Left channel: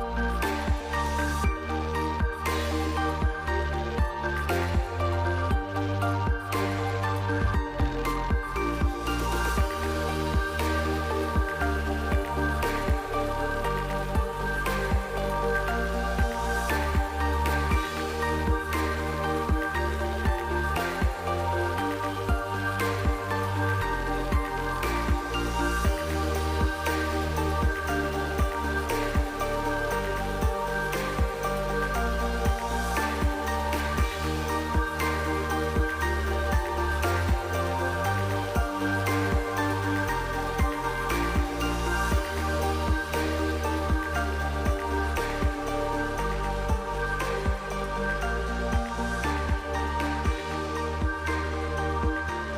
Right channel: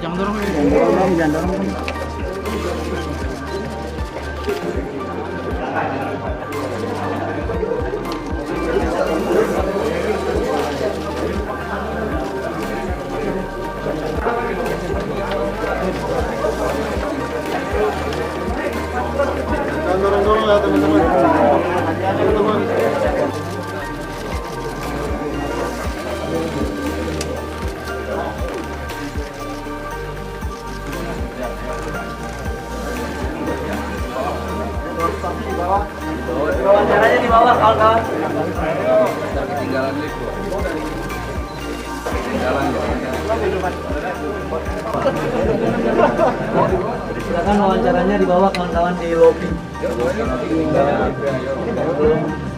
Jangan dorong. Wawancaranya di bawah kawan-kawan. Ketinggalan lift. Ketinggalan. Silakan wawancaranya di bawah kawan-kawan di lobby.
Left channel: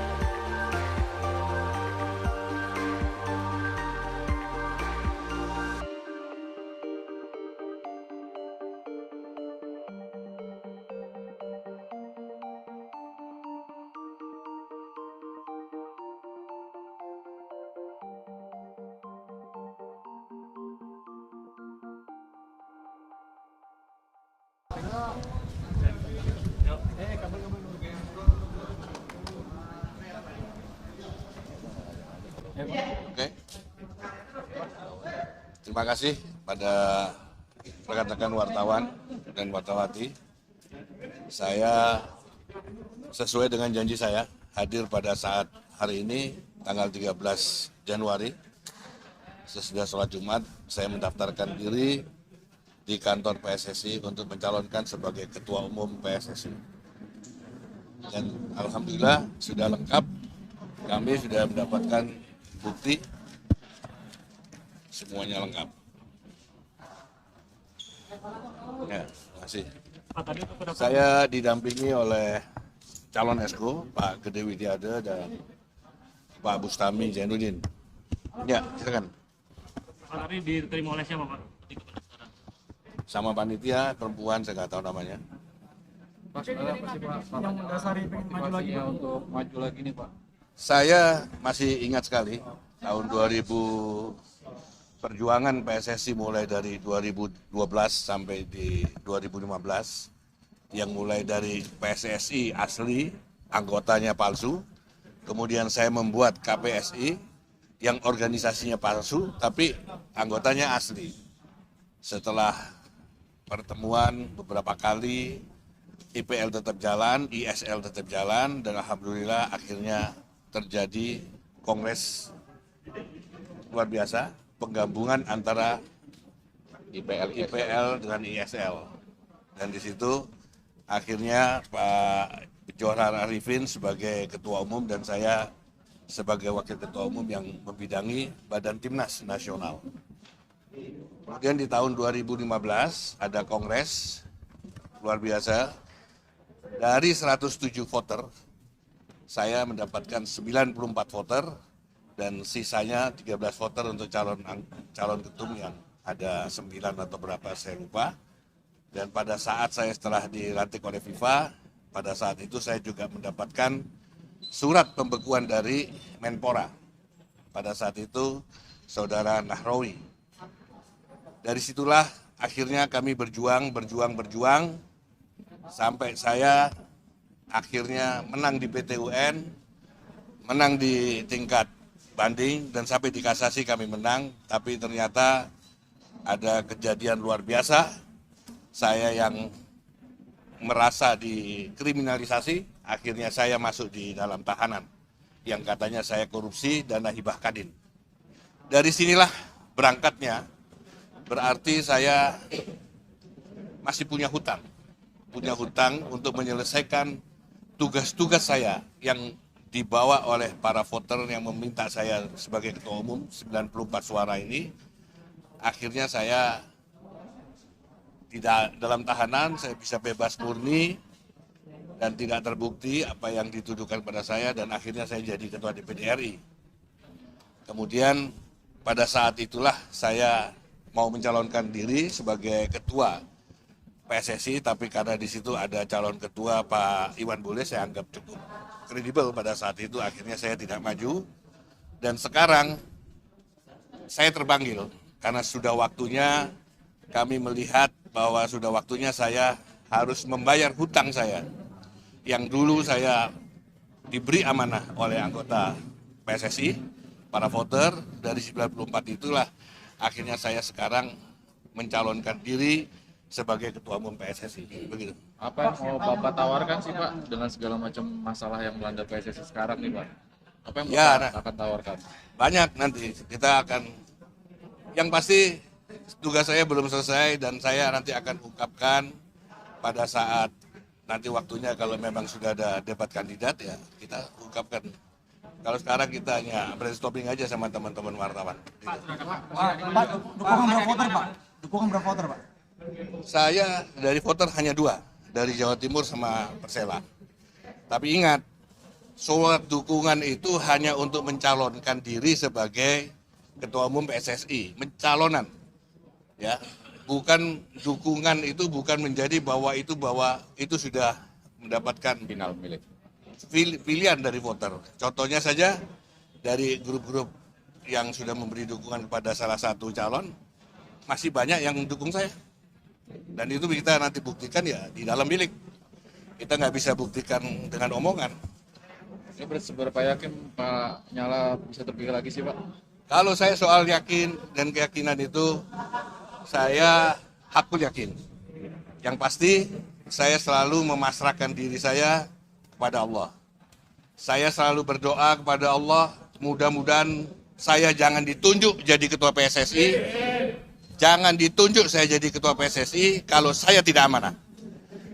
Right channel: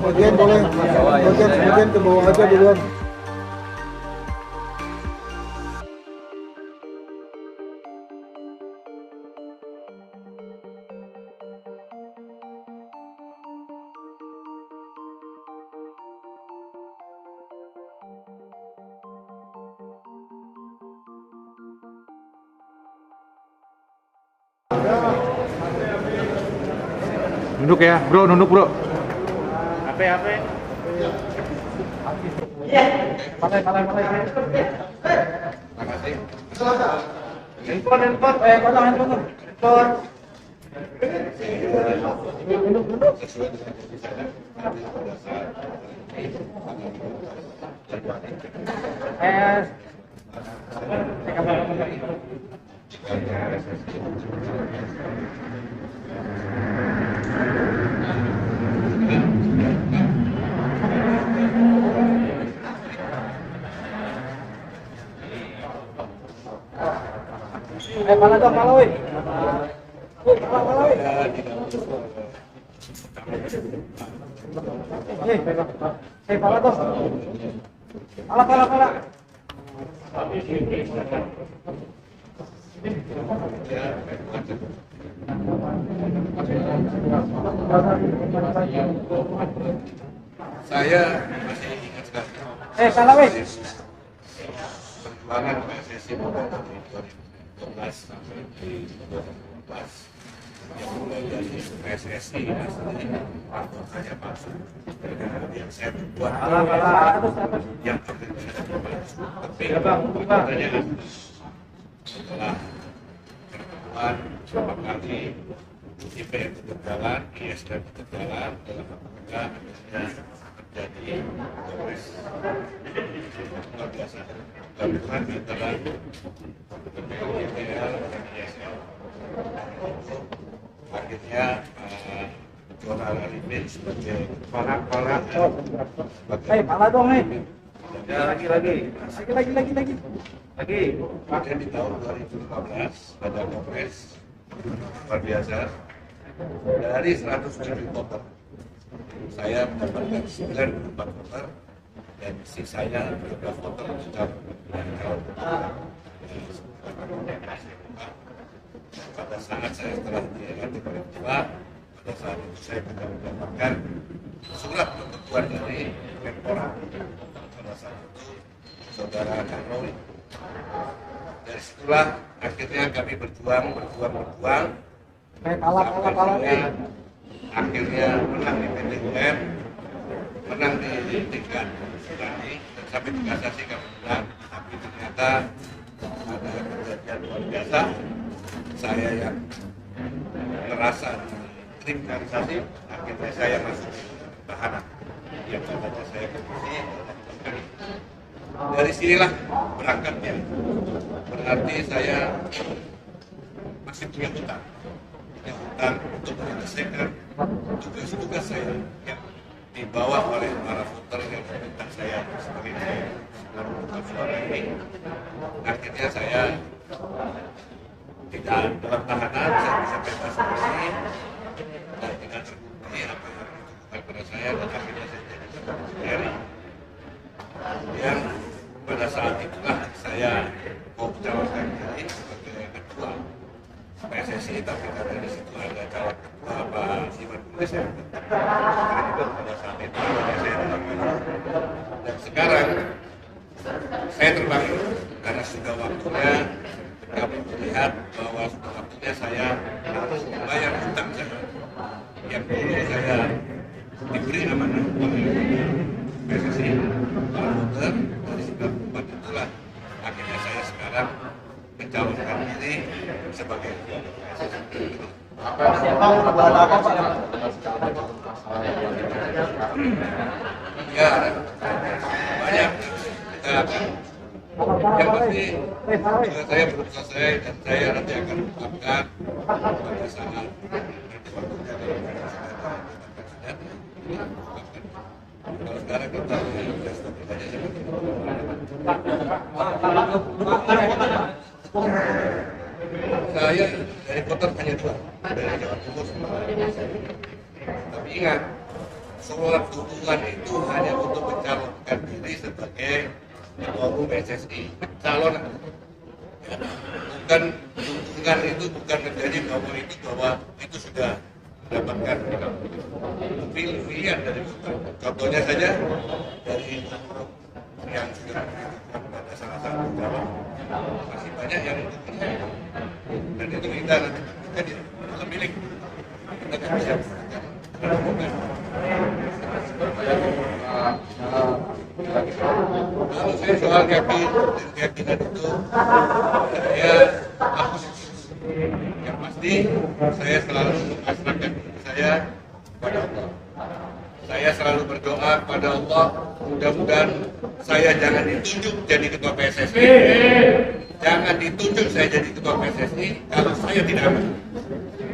Bagian boleh, bagian ke bawah aja duluan. Nunduk ya, bro, nunduk bro. Terima kasih pada dan wakil-wakil. Saya sesuai dengan janji saya hadir pada saat hari ini tanggal 13 Januari. Sesudah sholat Jumat, saya mendaftarkan diri di kantor PSSI untuk mencalonkan sebagai Ketua Umum PSSI. Dan alhamdulillah sudah lengkap, kami sudah mendapatkan bukti, semuanya lengkap. Saya didampingi oleh calon SO Pak Gede Widiada dan Pak Bustami Zainuddin. Ya, silakan. Sama panitia perempuan, saya nggak tahu namanya. Saya masih ingat sekali 2000 perjuangan PSSI mulai dari 2012 sampai di 2015, yang mulai dari PSSI asli, anggotanya palsu, kemudian saya membuat KPSI yang organisasinya palsu tapi anggotanya asli. Setelah pertemuan beberapa kali, IPL tetap jalan, ISL tetap jalan, dan alhamdulillah akhirnya terjadi kongres luar biasa, penggabungan antara IPL dengan ISL. Dan di situ akhirnya Pak Jonar Arifin sebagai ketua umum dan saya sebagai wakil yang membidangi badan timnas nasional. Kemudian di tahun 2015 ada kongres luar biasa. Dari 107 voter, saya mendapatkan 94 voter dan sisanya 13 voter untuk calon ketum yang ada 9 atau berapa saya lupa. Dan pada saat saya setelah dilantik oleh FIFA, pada saat itu saya juga mendapatkan surat pembekuan dari Menpora. Pada saat itu Saudara Nahrawi. Dari situlah akhirnya kami berjuang sampai saya akhirnya menang di PT UN, menang di tingkat banding, dan sampai di kasasi kami menang. Tapi ternyata ada kejadian luar biasa, saya yang merasa dikriminalisasi, akhirnya saya masuk di dalam tahanan yang katanya saya korupsi dana hibah kadin. Dari sinilah berangkatnya, berarti saya masih punya hutang untuk menyelesaikan tugas-tugas saya yang dibawa oleh para voter yang meminta saya sebagai ketua umum 94 suara ini. Akhirnya saya tidak dalam tahanan, saya bisa bebas murni dan tidak terbukti apa yang dituduhkan pada saya, dan akhirnya saya jadi ketua DPD RI. Kemudian pada saat itulah saya mau mencalonkan diri sebagai ketua PSSI, tapi karena di situ ada calon ketua Pak Iwan Bule, saya anggap kredibel pada saat itu, akhirnya saya tidak maju. Dan sekarang saya terpanggil karena sudah waktunya kami melihat bahwa sudah waktunya saya harus membayar hutang saya yang dulu saya diberi amanah oleh anggota PSSI, para voter dari 94 itulah akhirnya saya sekarang mencalonkan diri sebagai ketua umum PSSI. Betul. Apa dengan segala macam masalah yang melanda PSSI sekarang? Ya, banyak nanti kita akan. Yang pasti tugas saya belum selesai dan saya nanti akan ungkapkan pada saat nanti waktunya kalau memang sudah ada debat kandidat ya kita ungkapkan. Kalau sekarang kita hanya brainstorming aja sama teman-teman wartawan. Saya dari voter hanya 2, dari Jawa Timur sama Persela. Tapi ingat, surat dukungan itu hanya untuk mencalonkan diri sebagai ketua umum PSSI, mencalonan. Ya, bukan dukungan itu bukan menjadi bahwa itu sudah mendapatkan pilihan dari voter. Contohnya saja dari grup-grup yang sudah memberi dukungan kepada salah satu calon, masih banyak yang mendukung saya. Dan itu kita nanti buktikan ya di dalam bilik. Kita nggak bisa buktikan dengan omongan. Seberapa yakin malah nyala satu pilih lagi sih Pak? Kalau saya soal yakin dan keyakinan itu, saya aku yakin. Yang pasti, saya selalu memasrahkan diri saya pada Allah. Saya selalu berdoa kepada Allah, mudah-mudahan saya jangan ditunjuk jadi ketua PSSI. Jangan ditunjuk saya jadi ketua PSSI kalau saya tidak amanah.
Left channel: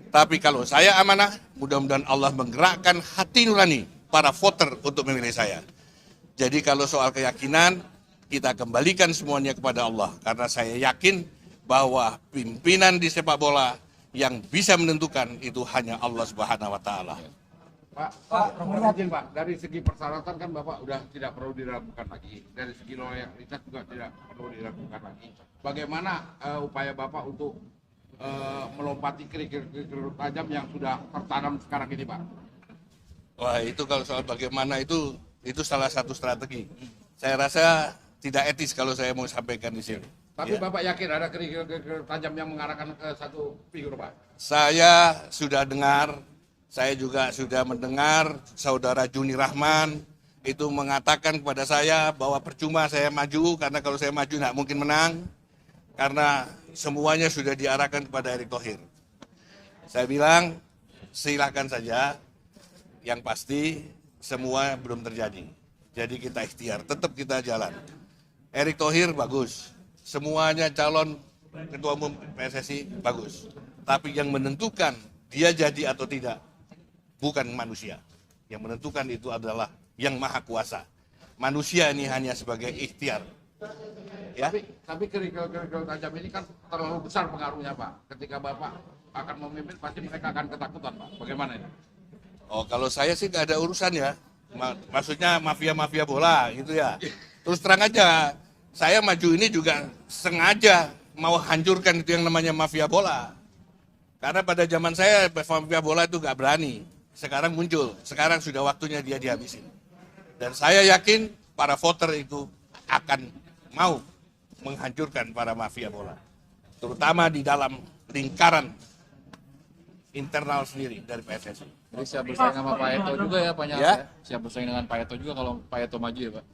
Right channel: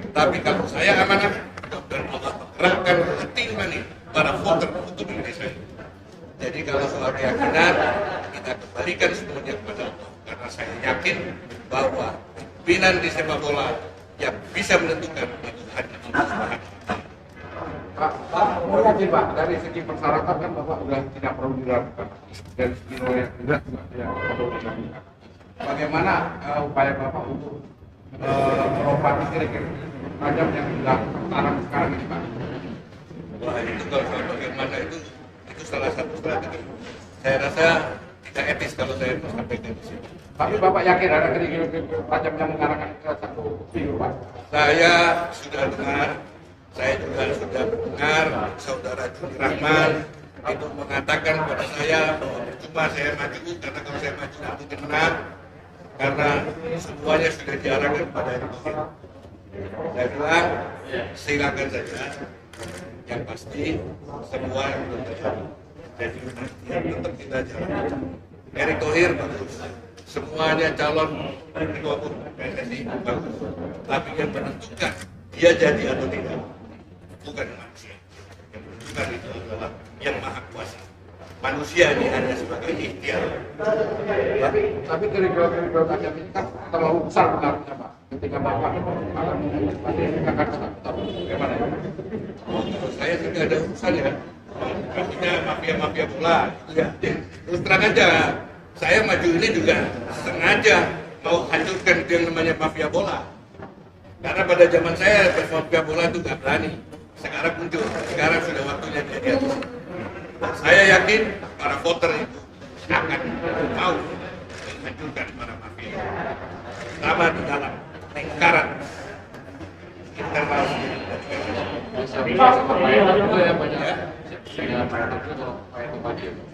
Tapi kalau saya amanah, mudah-mudahan Allah menggerakkan hati nurani para voter untuk memilih saya. Jadi kalau soal keyakinan, kita kembalikan semuanya kepada Allah. Karena saya yakin bahwa pimpinan di sepak bola yang bisa menentukan itu hanya Allah Subhanahu wa Ta'ala. Pak, yakin Pak, dari segi persyaratan kan Bapak sudah tidak perlu diragukan lagi. Dari segi loyalitas juga tidak perlu diragukan lagi. Bagaimana upaya Bapak untuk merobati kira-kira tajam yang sudah tertanam sekarang ini Pak? Wah, itu kalau soal bagaimana itu salah satu strategi. Saya rasa tidak etis kalau saya mau sampaikan di sini. Tapi Bapak yakin ada kira-kira tajam yang mengarahkan ke satu figur Pak? Saya sudah dengar, saya juga sudah mendengar saudara Juni Rahman itu mengatakan kepada saya bahwa percuma saya maju karena kalau saya maju nggak mungkin menang karena semuanya sudah diarahkan kepada Erick Thohir. Saya bilang silakan saja, yang pasti semua belum terjadi. Jadi kita ikhtiar, tetap kita jalan. Erick Thohir bagus, semuanya calon ketua umum PSSI bagus. Tapi yang menentukan dia jadi atau tidak bukan manusia. Yang menentukan itu adalah yang maha kuasa. Manusia ini hanya sebagai ikhtiar. Ya. Tapi kira-kira tajam ini kan terlalu besar pengaruhnya Pak. Ketika Bapak akan mengusir ini akan ketakutan. Bagaimana ya? Oh, kalau saya sih nggak ada urusan ya. Maksudnya mafia-mafia bola gitu ya. Terus terang aja, saya maju ini juga sengaja mau hancurkan itu yang namanya mafia bola. Karena pada zaman saya mafia bola itu nggak berani. Sekarang muncul, sekarang sudah waktunya dia dihabisi. Dan saya yakin para voter itu akan mau menghancurkan para mafia bola. Terutama di dalam lingkaran internal sendiri dari PSSI. Siap bersama Pak Eto juga ya banyak. Ya. Siap bersama Pak Eto juga kalau Pak Eto maju ya Pak.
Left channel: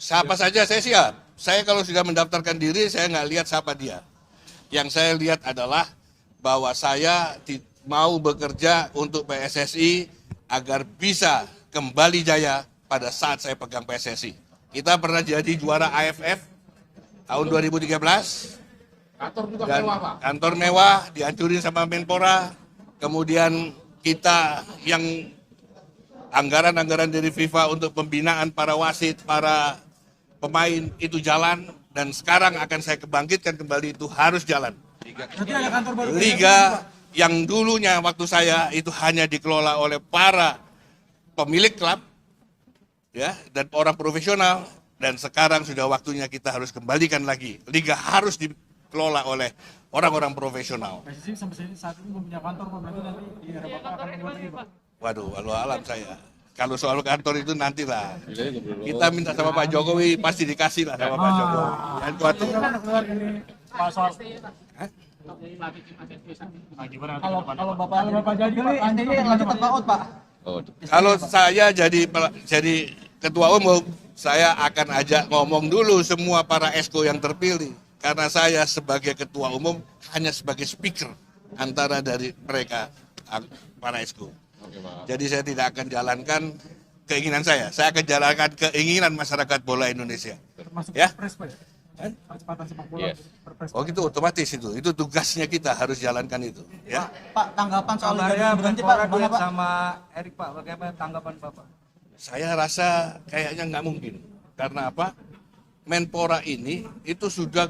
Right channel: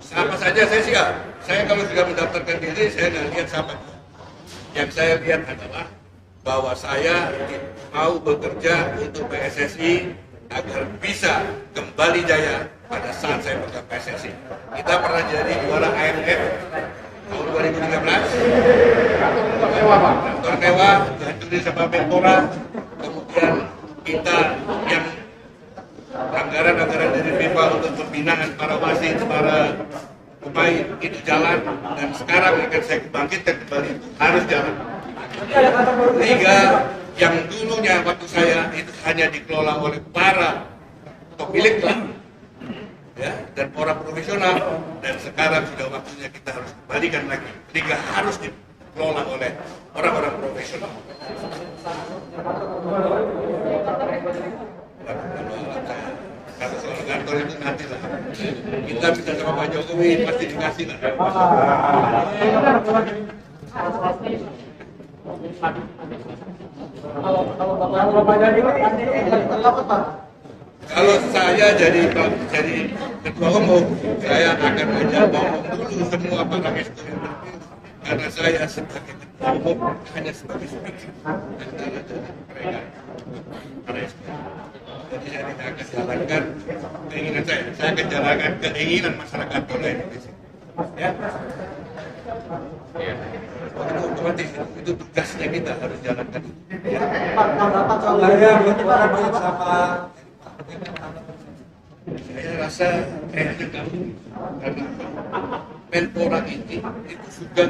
Siapa saja saya siap. Saya kalau sudah mendaftarkan diri, saya nggak lihat siapa dia. Yang saya lihat adalah bahwa saya mau bekerja untuk PSSI agar bisa kembali jaya pada saat saya pegang PSSI. Kita pernah jadi juara AFF tahun 2013. Kantor mewah dihancurin sama Menpora. Kemudian kita yang anggaran-anggaran dari FIFA untuk pembinaan para wasit, para pemain itu jalan, dan sekarang akan saya bangkitkan kembali itu harus jalan. Liga yang dulunya waktu saya itu hanya dikelola oleh para pemilik klub, ya, dan orang profesional, dan sekarang sudah waktunya kita harus kembalikan lagi. Liga harus dikelola oleh orang-orang profesional. Waduh, kalau alam saya. Kalau soal kantor itu nantilah. Kita minta sama Pak Jokowi, pasti dikasih lah sama Pak Jokowi. Kalau saya jadi ketua umum, saya akan ajak ngomong dulu semua para esko yang terpilih. Karena saya sebagai ketua umum hanya sebagai speaker antara dari mereka para esko. Jadi saya tidak akan jalankan keinginan saya akan jalankan keinginan masyarakat bola Indonesia. Ya? Oh itu otomatis itu tugasnya kita harus jalankan itu. Ya. Pak, tanggapan soal berarti Pak sama Erik Pak, bagaimana tanggapan Bapak? Saya rasa kayaknya nggak mungkin. Karena apa? Menpora ini itu sudah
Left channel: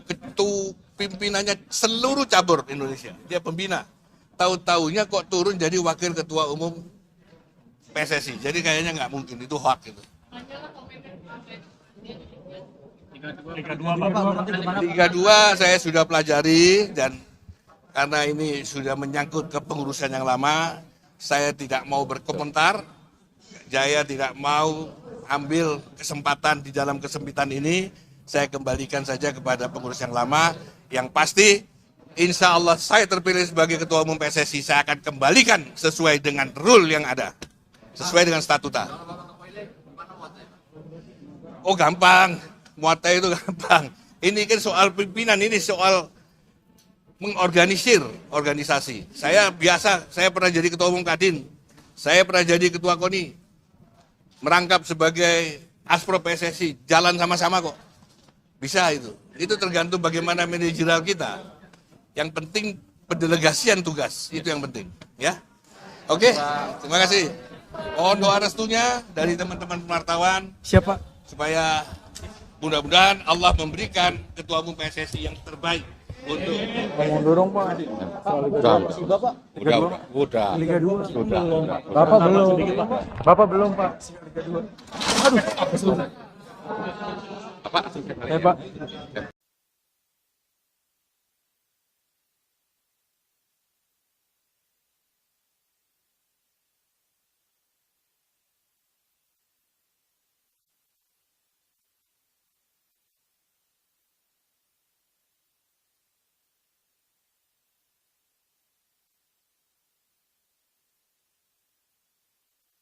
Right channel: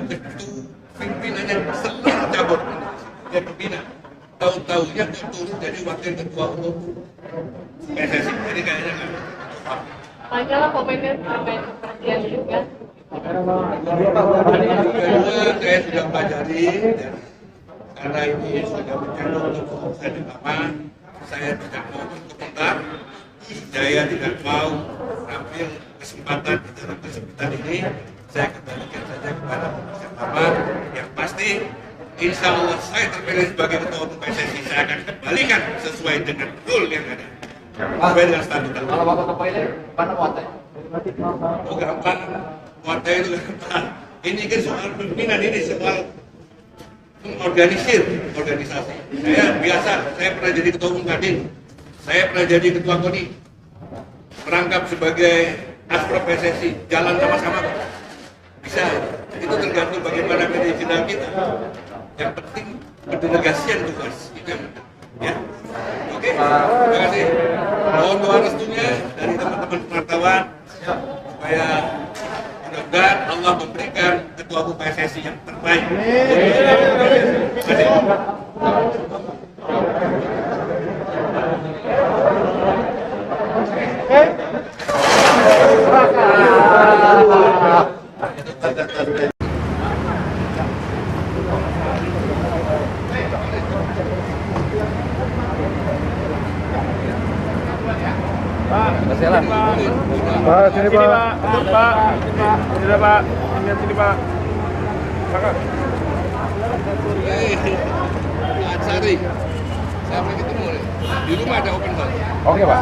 pimpinannya seluruh cabur Indonesia. Dia pembina. Tahu-taunya kok turun jadi wakil ketua umum PSSI. Jadi kayaknya nggak mungkin, itu hak. Masalah pemainnya terkait perhatian juga. Liga 2 saya sudah pelajari, dan karena ini sudah menyangkut kepengurusan yang lama, saya tidak mau berkomentar. Saya tidak mau ambil kesempatan di dalam kesempitan ini. Saya kembalikan saja kepada pengurus yang lama. Yang pasti, insya Allah saya terpilih sebagai ketua umum PSSI. Saya akan kembalikan sesuai dengan rule yang ada, sesuai dengan statuta. Kalau Bapak kepilih, mana muatnya? Oh gampang, muatnya itu gampang. Ini kan soal pimpinan, ini soal mengorganisir organisasi. Saya biasa, saya pernah jadi ketua umum Kadin, saya pernah jadi ketua KONI, merangkap sebagai aspro PSSI, jalan sama-sama kok. Bisa itu. Itu tergantung bagaimana manajemen kita. Yang penting pendelegasian tugas, itu yang penting. Ya, oke, terima kasih. Mohon doa restunya dari teman-teman wartawan. Siapa? Supaya mudah-mudahan Allah memberikan ketua umum PSSI yang terbaik. Bapak belum. Pak, sini Pak. Pak, sini Pak. Sini Pak. Silakan. Pak Sari, saya mau ketemu di rumah ada open house. Oke Pak.